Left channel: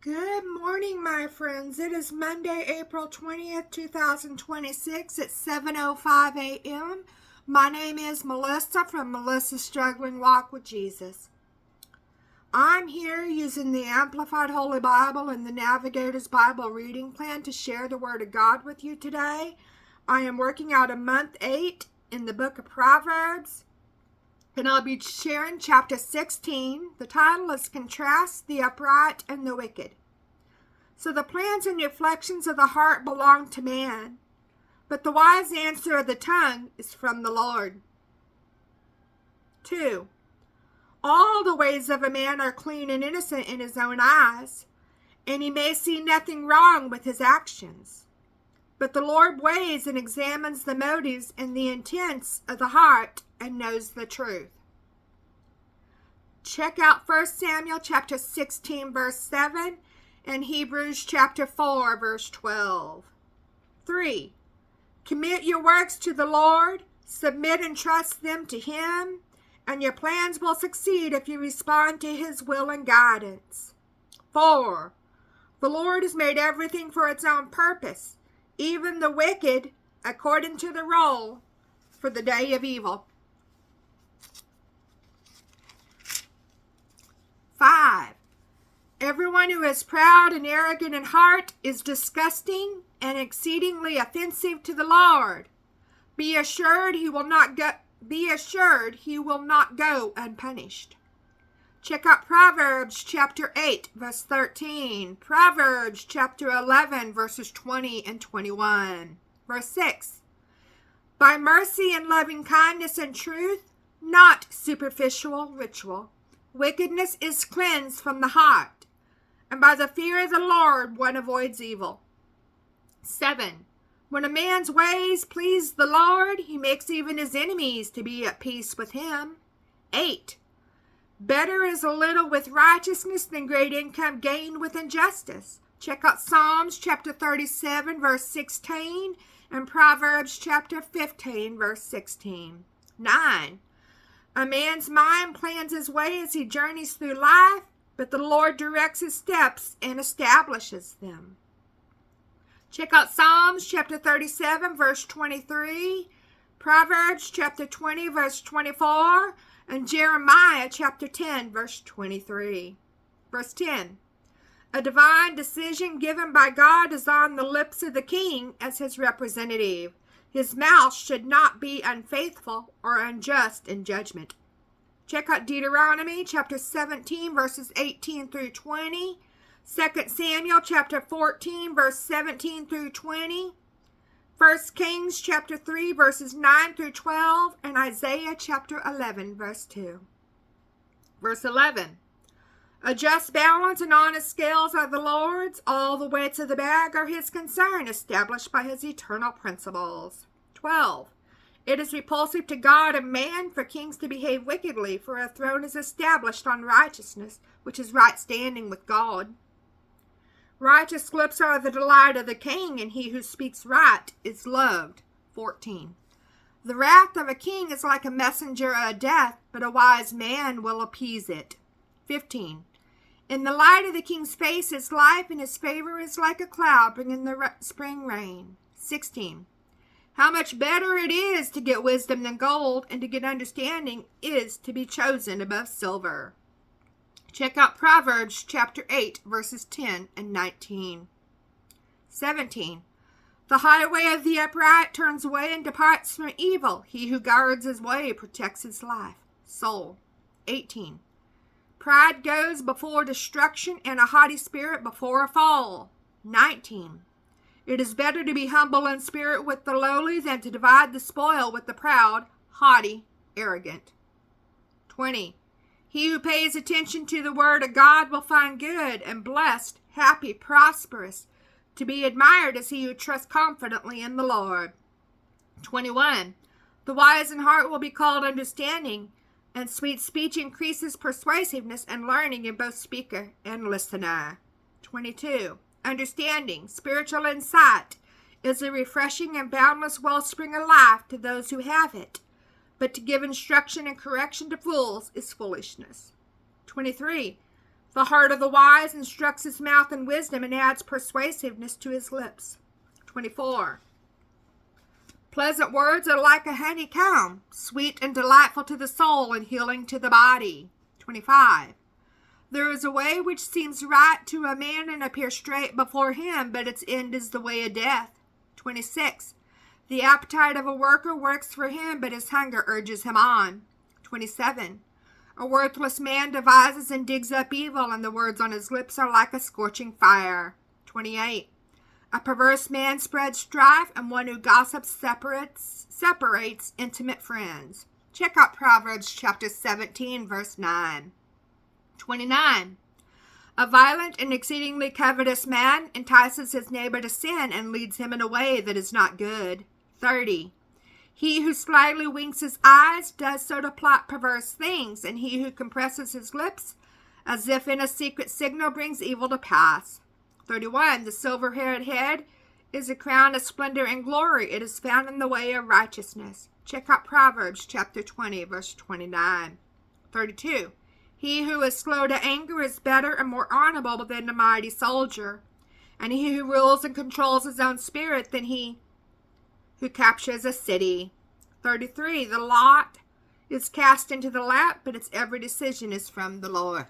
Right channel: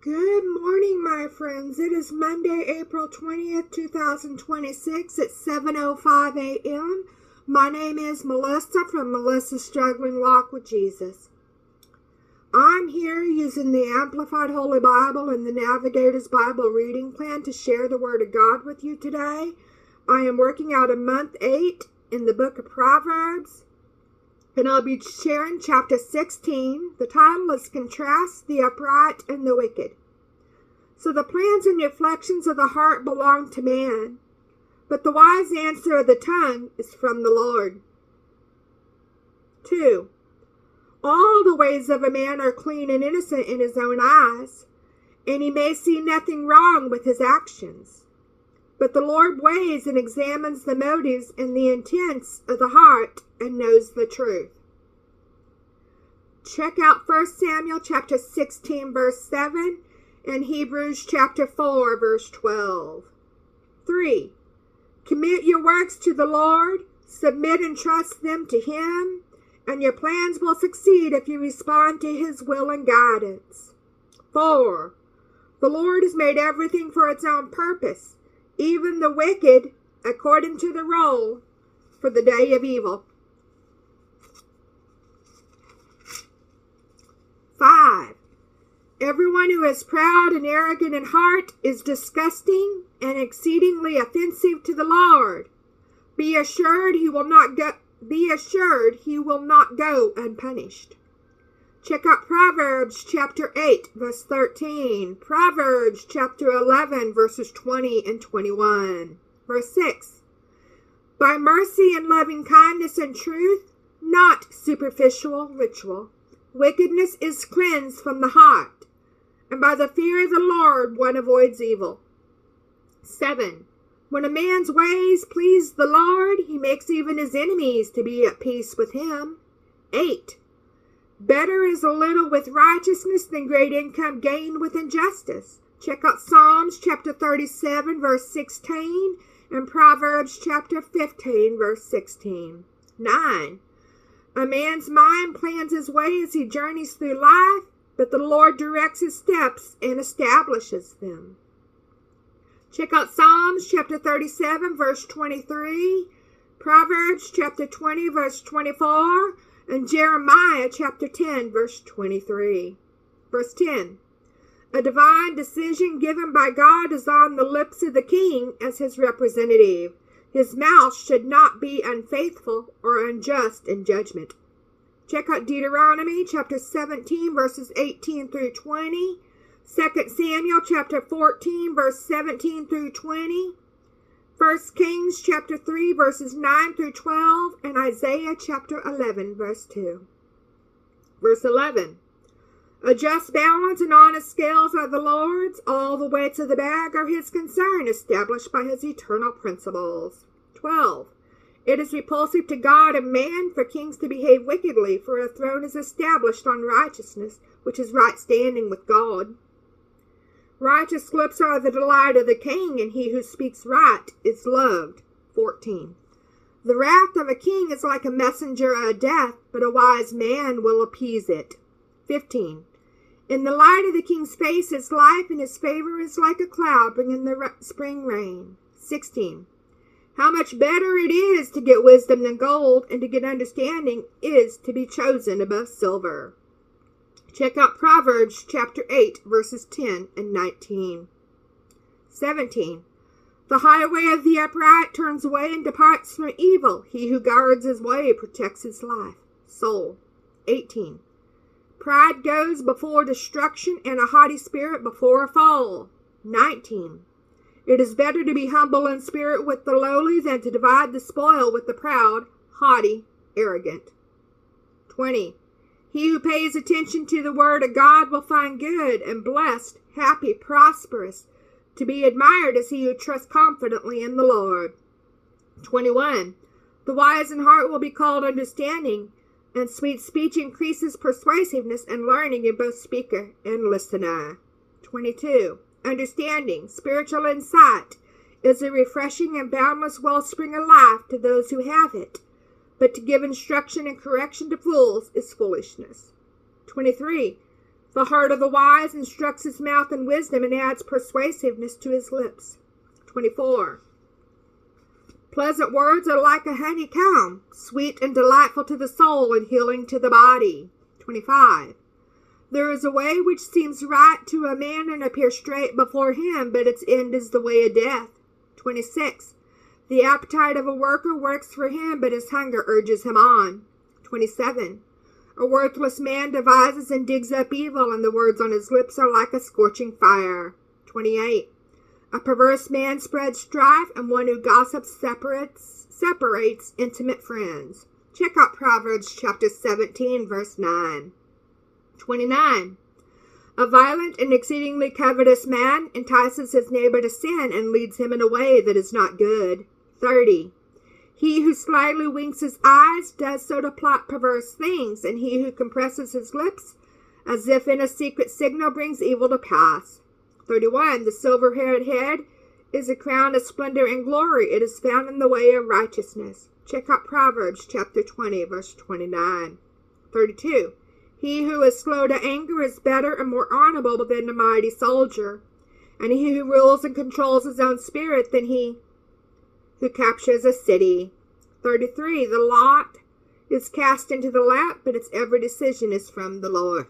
Good morning, my friends. It is Monday, April 20th, 2026 at 7:05 a.m. My name is Melissa from Melissa's Struggling Walk with Jesus. I'm here using the Amplified Holy Bible and the Navigator's Bible reading plan to share the Word of God with you today. I am working out of month 8 in the book of Proverbs, and I'll be sharing chapter 16. The title is Contrast the Upright and the Wicked. So the plans and reflections of the heart belong to man, but the wise answer of the tongue is from the Lord. 2. All the ways of a man are clean and innocent in his own eyes, and he may see nothing wrong with his actions. But the Lord weighs and examines the motives and the intents of the heart and knows the truth. Check out 1 Samuel chapter 16, verse 7, and Hebrews chapter 4, verse 12. 3. Commit your works to the Lord, submit and trust them to Him, and your plans will succeed if you respond to His will and guidance. 4. The Lord has made everything for its own purpose, even the wicked according to the role for the day of evil. 5. Everyone who is proud and arrogant in heart is disgusting and exceedingly offensive to the Lord. Be assured he will not go unpunished. Check out Proverbs chapter 8, verse 13. Proverbs chapter 11, verses 20 and 21. Verse 6. By mercy and loving kindness and truth, not superficial ritual, wickedness is cleansed from the heart, and by the fear of the Lord one avoids evil. 7. When a man's ways please the Lord, he makes even his enemies to be at peace with him. 8. Better is a little with righteousness than great income gained with injustice. Check out Psalms chapter 37, verse 16, and Proverbs chapter 15, verse 16. 9. A man's mind plans his way as he journeys through life, but the Lord directs his steps and establishes them. Check out Psalms chapter 37, verse 23, Proverbs chapter 20, verse 24, and Jeremiah chapter 10, verse 23. Verse 10. A divine decision given by God is on the lips of the king as his representative. His mouth should not be unfaithful or unjust in judgment. Check out Deuteronomy chapter 17, verses 18 through 20, 2 Samuel chapter 14, verse 17 through 20, 1 Kings chapter 3, verses 9 through 12, and Isaiah chapter 11, verse 2. Verse 11. A just balance and honest scales are the Lord's. All the weights of the bag are His concern, established by His eternal principles. 12. It is repulsive to God and man for kings to behave wickedly, for a throne is established on righteousness, which is right standing with God. Righteous lips are the delight of the king, and he who speaks right is loved. 14. The wrath of a king is like a messenger of death, but a wise man will appease it. 15. In the light of the king's face is life, and his favor is like a cloud bringing the spring rain. 16. How much better it is to get wisdom than gold, and to get understanding is to be chosen above silver. Check out Proverbs chapter 8, verses 10 and 19. 17. The highway of the upright turns away and departs from evil. He who guards his way protects his life. Soul. 18. Pride goes before destruction, and a haughty spirit before a fall. 19. It is better to be humble in spirit with the lowly than to divide the spoil with the proud, haughty, arrogant. 20. He who pays attention to the word of God will find good and blessed, happy, prosperous. To be admired is he who trusts confidently in the Lord. 21. The wise in heart will be called understanding, and sweet speech increases persuasiveness and learning in both speaker and listener. 22. Understanding, spiritual insight, is a refreshing and boundless wellspring of life to those who have it, but to give instruction and correction to fools is foolishness. 23. The heart of the wise instructs his mouth in wisdom and adds persuasiveness to his lips. 24. Pleasant words are like a honeycomb, sweet and delightful to the soul and healing to the body. 25. There is a way which seems right to a man and appears straight before him, but its end is the way of death. 26. The appetite of a worker works for him, but his hunger urges him on. 27. A worthless man devises and digs up evil, and the words on his lips are like a scorching fire. 28. A perverse man spreads strife, and one who gossips separates intimate friends. Check out Proverbs chapter 17, verse 9. 29. A violent and exceedingly covetous man entices his neighbor to sin and leads him in a way that is not good. 30. He who slyly winks his eyes does so to plot perverse things, and he who compresses his lips as if in a secret signal brings evil to pass. 31. The silver-haired head is a crown of splendor and glory. It is found in the way of righteousness. Check out Proverbs chapter 20, verse 29. 32. He who is slow to anger is better and more honorable than a mighty soldier, and he who rules and controls his own spirit than he who captures a city. 33. The lot is cast into the lap, but its every decision is from the Lord.